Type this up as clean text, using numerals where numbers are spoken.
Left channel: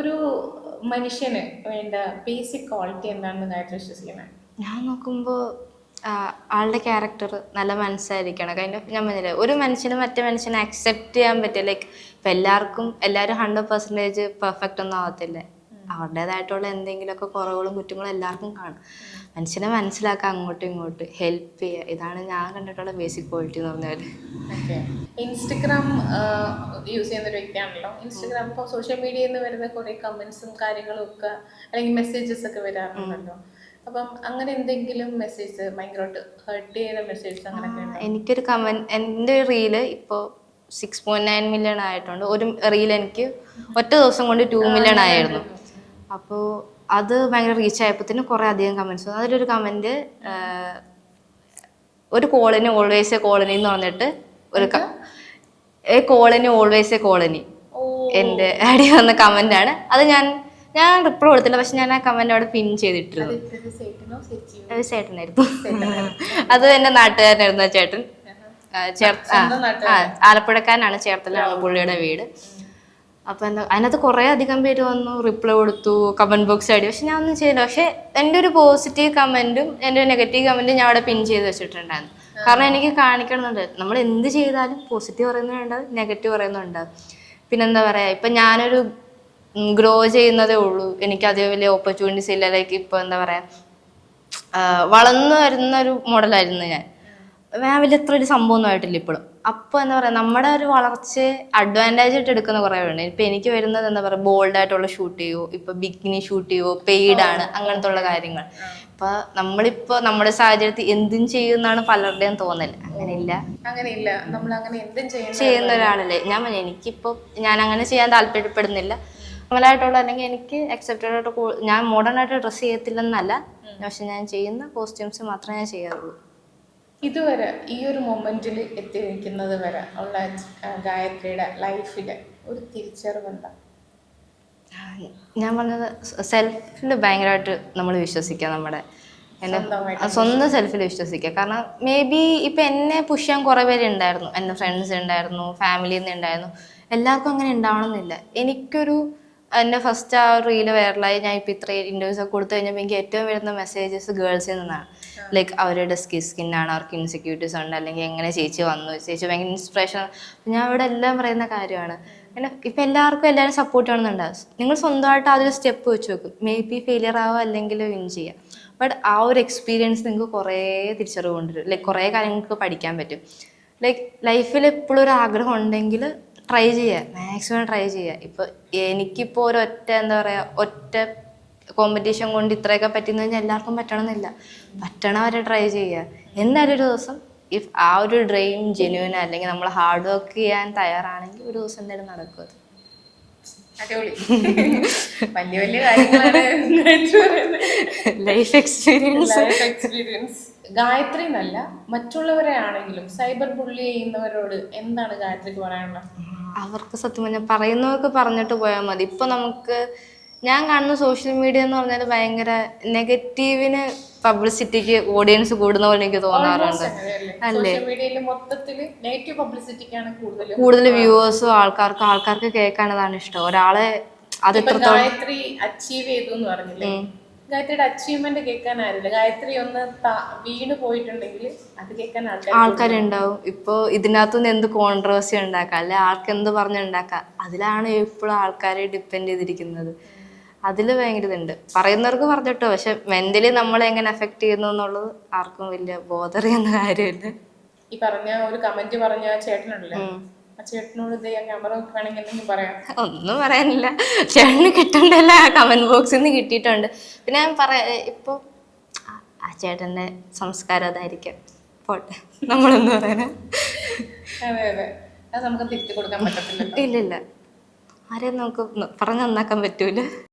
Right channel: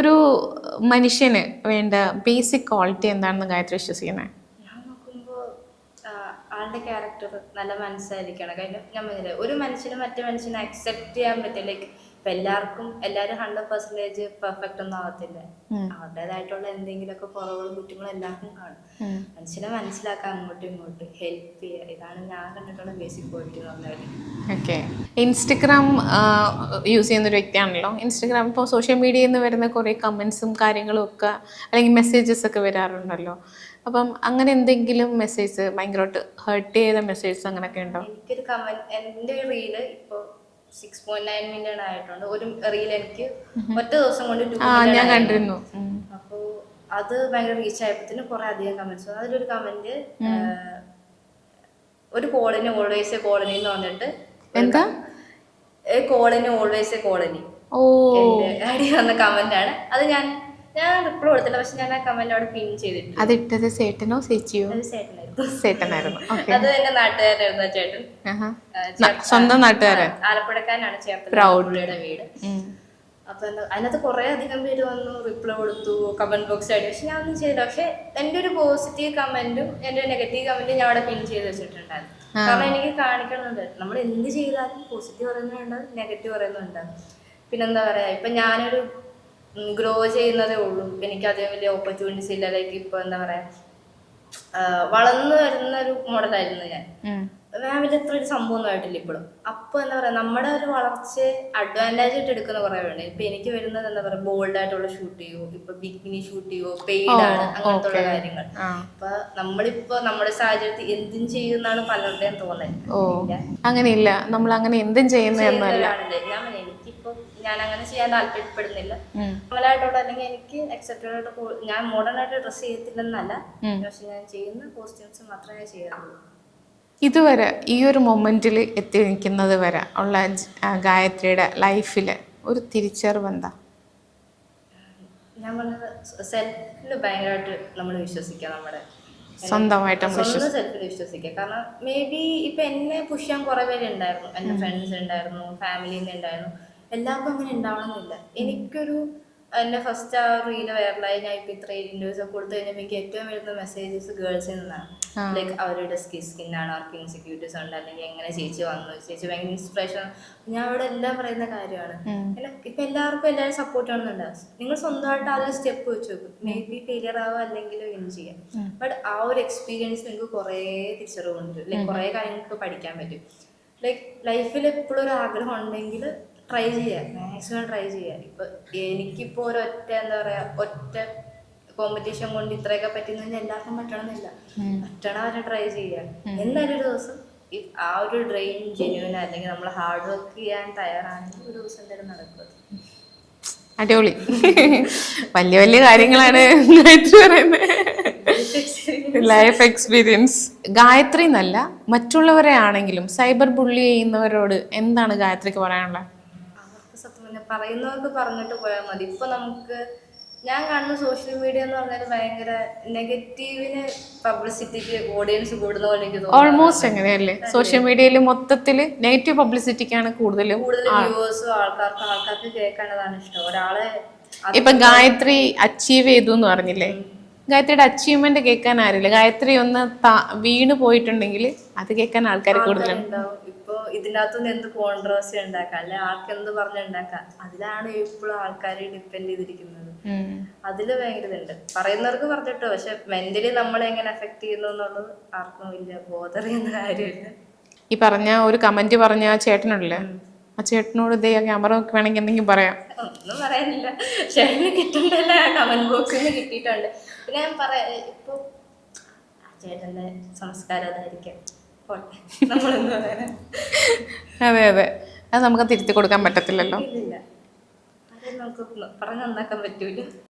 ഒരു മനുഷ്യന് വേണ്ട ബേസിക് ക്വാളിറ്റി എന്താണെന്ന് ഗായത്രി വിശ്വസിക്കുന്നത്? ഞാൻ നോക്കുമ്പോൾ ആളുടെ ക്യാരക്ടർ നല്ല മനസ്സായിരിക്കണം. ഞാൻ പറഞ്ഞില്ലേ, ഒരു മനുഷ്യന് മറ്റേ മനുഷ്യനെ അക്സെപ്റ്റ് ചെയ്യാൻ പറ്റുക. ലൈക്ക് ഇപ്പം എല്ലാവരും 100% പെർഫെക്റ്റ് ഒന്നും ആവത്തില്ല. അവരുടേതായിട്ടുള്ള എന്തെങ്കിലുമൊക്കെ കുറവുകളും കുറ്റങ്ങളും എല്ലാവർക്കും കാണും. മനുഷ്യനെ മനസ്സിലാക്കാൻ അങ്ങോട്ടും ഇങ്ങോട്ടും ഹെൽപ്പ് ചെയ്യുക, ഇതാണ് ഞാൻ കണ്ടിട്ടുള്ള ബേസിക് ക്വാളിറ്റി എന്ന് പറഞ്ഞാൽ. ഓക്കെ. ഇൻസ്റ്റഗ്രാം യൂസ് ചെയ്യുന്നൊരു വ്യക്തിയാണല്ലോ. ഇൻസ്റ്റഗ്രാം ഇപ്പോൾ സോഷ്യൽ മീഡിയയിൽ നിന്ന് വരുന്ന കുറേ കമൻസും കാര്യങ്ങളും ഒക്കെ അല്ലെങ്കിൽ മെസ്സേജസ് ഒക്കെ വരാറുണ്ടല്ലോ. അപ്പം അങ്ങനെ എന്തെങ്കിലും മെസ്സേജ് ഭയങ്കരമായിട്ട് ഹേർട്ട് ചെയ്ത മെസ്സേജസ് അങ്ങനെയൊക്കെ ഉണ്ടോ? എനിക്കൊരു എൻ്റെ റീല് ഇപ്പോൾ 6.9 മില്യൺ ആയിട്ടുണ്ട്. ഒരു റീൽ എനിക്ക് ഒറ്റ ദിവസം കൊണ്ട് 2 മില്യൺ ആയിരുന്നു. അപ്പോൾ അത് ഭയങ്കര റീച്ച് ആയപ്പോഴത്തേനും കുറേ അധികം കമൻസ് വന്നു. അതിലൊരു കമന്റ്, ഒരു കോളനി ഓൾവേസ് എ കോളനി എന്ന് പറഞ്ഞിട്ട് A colony always A colony എൻ്റെ ആഡ് വന്ന കമന്റ് ആണ് അത്. ഞാൻ റിപ്ലൈ കൊടുത്തില്ല, പക്ഷെ ഞാൻ ആ കമന്റ് അവിടെ പിൻ ചെയ്തിട്ടു. അത് ഇട്ടത് ചേട്ടനോ ചേച്ചിയോ? അത് ചേട്ടനായിരുന്നു. ചേട്ടനായിരുന്നു. അത് എന്റെ നാട്ടുകാരനായിരുന്നു ആ ചേട്ടൻ. സ്വന്തം നാട്ടുകാരൻ, ആലപ്പുഴക്കാരനാണ്, ചേർത്തല പുള്ളിയുടെ വീട്. അപ്പൊ അതിനകത്ത് കുറെ അധികം പേര് വന്നു, റിപ്ലൈ കൊടുത്തു, കമന്റ് ബോക്സ് ആടി. പക്ഷെ ഞാൻ ഒന്നും ചെയ്യില്ല. പക്ഷെ എന്റെ ഒരു പോസിറ്റീവ് കമന്റും എന്റെ ഒരു നെഗറ്റീവ് കമന്റും ഞാൻ അവിടെ പിൻ ചെയ്ത് വെച്ചിട്ടുണ്ടായിരുന്നു. കാരണം എനിക്ക് കാണിക്കണമെന്നുണ്ട്, നമ്മൾ എന്ത് ചെയ്താലും പോസിറ്റീവ് പറയുന്നുണ്ടാവും, നെഗറ്റീവ് പറയുന്നുണ്ടാവും. പിന്നെന്താ പറയാ, ഇപ്പൊ ഞാനൊരു ഗ്രോ ചെയ്യുന്നതേ ഉള്ളൂ, എനിക്ക് അതേ വലിയ ഓപ്പർച്യൂണിറ്റീസ് ഇല്ല. ലൈക്ക് ഇപ്പൊ എന്താ പറയാ, വളർന്നു വരുന്ന ഒരു മോഡലായിരുന്നു ഞാൻ വലിയ എത്ര ഒരു സംഭവമൊന്നും ആയിട്ടില്ല ഇപ്പോഴും. അപ്പൊ എന്താ പറയാ, നമ്മുടെ ഒരു വളർച്ചയെ അഡ്വാൻറ്റേജ് ആയിട്ട് എടുക്കുന്ന കുറെ പേരുണ്ട്. ഇപ്പൊ എനിക്ക് വരുന്നത് എന്താ പറയാ, ബോൾഡ് ആയിട്ടുള്ള ഷൂട്ട് ചെയ്യോ, ഇപ്പൊ ബിക്കിനി ഷൂട്ട് ചെയ്യോ, പെയ്ഡ് ആണ്, അങ്ങനത്തെ ഉള്ള കാര്യങ്ങൾ. അപ്പൊ നമ്മളിപ്പോ നമ്മുടെ സാഹചര്യത്തിൽ എന്തും ചെയ്യുന്നാണ് പലരുടെയും തോന്നല്. അങ്ങനെയില്ല, നമ്മൾ അങ്ങനെ എന്തും ചെയ്യുന്ന ഒരാളല്ലേ ഞാൻ. എനിക്കിപ്പോ ഞാൻ അങ്ങനെ ചെയ്യാൻ താല്പര്യപ്പെടുന്നില്ല. നോർമലായിട്ടുള്ള അല്ലെങ്കിൽ എനിക്ക് അക്സെപ്റ്റഡ് ആയിട്ട്, ഞാൻ മോഡേൺ ആയിട്ട് ഡ്രസ് ചെയ്യത്തില്ലെന്നല്ല, പക്ഷെ ഞാൻ ചെയ്യുന്ന കോസ്റ്റ്യൂംസ് മാത്രമേ ഞാൻ ചെയ്യാറുള്ളൂ. ഇതുവരെ ഈ ഒരു മൊമെന്റിൽ എത്തി നിൽക്കുന്നത് വരെ ഉള്ള ഗായത്രിയുടെ ലൈഫിൽ ഒരു തിരിച്ചറിവ് എന്താ? ഞാൻ പറഞ്ഞത് സെൽഫിൽ ഭയങ്കരമായിട്ട് നമ്മൾ വിശ്വസിക്കുക, നമ്മുടെ സ്വന്തം സെൽഫിൽ വിശ്വസിക്കുക. കാരണം മേ ബി ഇപ്പൊ എന്നെ പുഷ് ചെയ്യാൻ കുറെ പേര് ഉണ്ടായിരുന്നു, എന്റെ ഫ്രണ്ട്സ് ഉണ്ടായിരുന്നു, ഫാമിലിയിൽ നിന്ന് ഉണ്ടായിരുന്നു. എല്ലാവർക്കും അങ്ങനെ ഉണ്ടാവണമെന്നില്ല. എനിക്കൊരു എന്നെ ഫസ്റ്റ് ആ റീല് വൈറലായി, ഞാൻ ഇപ്പൊ ഇത്രയും ഇന്റർവ്യൂസ് ഒക്കെ കൊടുത്തു കഴിഞ്ഞപ്പോൾ എനിക്ക് ഏറ്റവും വരുന്ന മെസ്സേജസ് ഗേൾസിൽ നിന്നാണ്. ലൈക്ക് അവരുടെ സ്കിന്നാണ്, അവർക്ക് ഇൻസെക്യൂരിറ്റീസ് ഉണ്ട്, അല്ലെങ്കിൽ എങ്ങനെ ചേച്ചി വന്നു, ചേച്ചി ഭയങ്കര ഇൻസ്പിറേഷൻ. ഞാൻ ഇവിടെ എല്ലാം പറയുന്ന കാര്യമാണ്. ഇപ്പൊ എല്ലാവരും സപ്പോർട്ട് ചെയ്യണമെന്നുണ്ടാവും. നിങ്ങൾ സ്വന്തമായിട്ട് അതൊരു സ്റ്റെപ്പ് വെച്ച് വെക്കും. മേ ബി ഫെയിലിയർ ആവുക അല്ലെങ്കിൽ വിൻ ചെയ്യാം. ബട്ട് ആ ഒരു എക്സ്പീരിയൻസ് നിങ്ങൾക്ക് കുറേ തിരിച്ചറിവ് കൊണ്ടുവരും. ലൈക്ക് കുറേ കാര്യങ്ങൾക്ക് പഠിക്കാൻ പറ്റും. ലൈക്ക് ലൈഫിൽ എപ്പോഴും ഒരു ആഗ്രഹം ഉണ്ടെങ്കിൽ ട്രൈ ചെയ്യുക, മാക്സിമം ട്രൈ ചെയ്യുക. ഇപ്പൊ എനിക്കിപ്പോ എന്താ പറയാ, ഒറ്റ കോമ്പറ്റീഷൻ കൊണ്ട് ഇത്രയൊക്കെ പറ്റുന്ന കഴിഞ്ഞാൽ എല്ലാവർക്കും പറ്റണമെന്നില്ല. പറ്റണവരെ ട്രൈ ചെയ്യുക. എന്തായാലും ഒരു ദിവസം ഇഫ് ആ ഒരു ഡ്രീം ജെന്യൂൻ അല്ലെങ്കിൽ നമ്മൾ ഹാർഡ് വർക്ക് ചെയ്യാൻ തയ്യാറാണെങ്കിൽ ഒരു ദിവസം എന്തായാലും നടക്കും. അടിപൊളി. വലിയ വലിയ കാര്യങ്ങളാണ് ലൈഫ് എക്സ്പീരിയൻസ്. ഗായത്രി എന്നല്ല, മറ്റുള്ളവരെ ആണെങ്കിലും സൈബർ ബുള്ളി ചെയ്യുന്നവരോട് എന്താണ് ഗായത്രിക്ക് പറയാനുള്ളത്? അവർക്ക് സത്യം പറഞ്ഞാൽ പറയുന്നവർക്ക് പറഞ്ഞിട്ട് പോയാൽ മതി. ഇപ്പൊ ഞാൻ കാണുന്ന സോഷ്യൽ മീഡിയ എന്ന് പറഞ്ഞാൽ ഭയങ്കര നെഗറ്റീവിന് പബ്ലിസിറ്റിക്ക് ഓഡിയൻസ് കൂടുന്ന പോലെ എനിക്ക് തോന്നുന്നു. ഓൾമോസ്റ്റ് അങ്ങനെയല്ലേ, സോഷ്യൽ മീഡിയയിൽ മൊത്തത്തില് നെഗറ്റീവ് പബ്ലിസിറ്റിക്കാണ് കൂടുതൽ വ്യൂവേഴ്സും. ആൾക്കാർക്ക് കേൾക്കാനതാണ് ഇഷ്ടം. ഒരാളെ ഇപ്പൊ ഗായത്രി അച്ചീവ് ചെയ്തു എന്ന് പറഞ്ഞില്ലേ, ഗായത്രിയുടെ അച്ചീവ്മെന്റ് കേൾക്കാൻ ആരില്ല. ഗായത്രി ഒന്ന് വീണ് പോയിട്ടുണ്ടെങ്കിൽ അത് കേൾക്കാൻ ആൾക്കാരുണ്ടാവും. ഇപ്പൊ ഇതിനകത്തുനിന്ന് എന്ത് കോൺട്രവേഴ്സി ഉണ്ടാക്കാം, അല്ലെ ആർക്ക് എന്ത് പറഞ്ഞുണ്ടാക്കാം, അതിലാണ് എപ്പോഴും ആൾക്കാരെ ഡിപ്പെൻഡ് ചെയ്തിരിക്കുന്നത്. അതില് ഭയങ്കര ഇതുണ്ട്. പറയുന്നവർക്ക് പറഞ്ഞിട്ടോ, പക്ഷെ മെന്റലി നമ്മളെ എങ്ങനെ എഫക്ട് ചെയ്യുന്നു എന്നുള്ളത് ആർക്കും വലിയ ബോധറിയുന്ന കാര്യമില്ല. ഈ പറഞ്ഞ ഒരു കമന്റ് പറഞ്ഞ ചേട്ടനുണ്ടല്ലേ, ആ ചേട്ടനോട് ഇതേ ക്യാമറ വേണമെങ്കിൽ എന്തെങ്കിലും പറയാം? ഒന്നും പറയാനില്ല. ചേട്ടന് കിട്ടണ്ടല്ല, കമന്റ് ബോക്സിൽ നിന്ന് കിട്ടിയിട്ടുണ്ട്. പിന്നെ ഞാൻ ഇപ്പൊ ആ ചേട്ടന്റെ സംസ്കാരം അതായിരിക്കും, പോട്ടെ, നമ്മളൊന്നും പറയാൻ. അതെ അതെ, അത് നമുക്ക് തിരുത്തി കൊടുക്കാൻ പറ്റത്തില്ലല്ലോ. ഇല്ലില്ല, ആരെയും നമുക്ക് പറഞ്ഞു നന്നാക്കാൻ പറ്റൂല.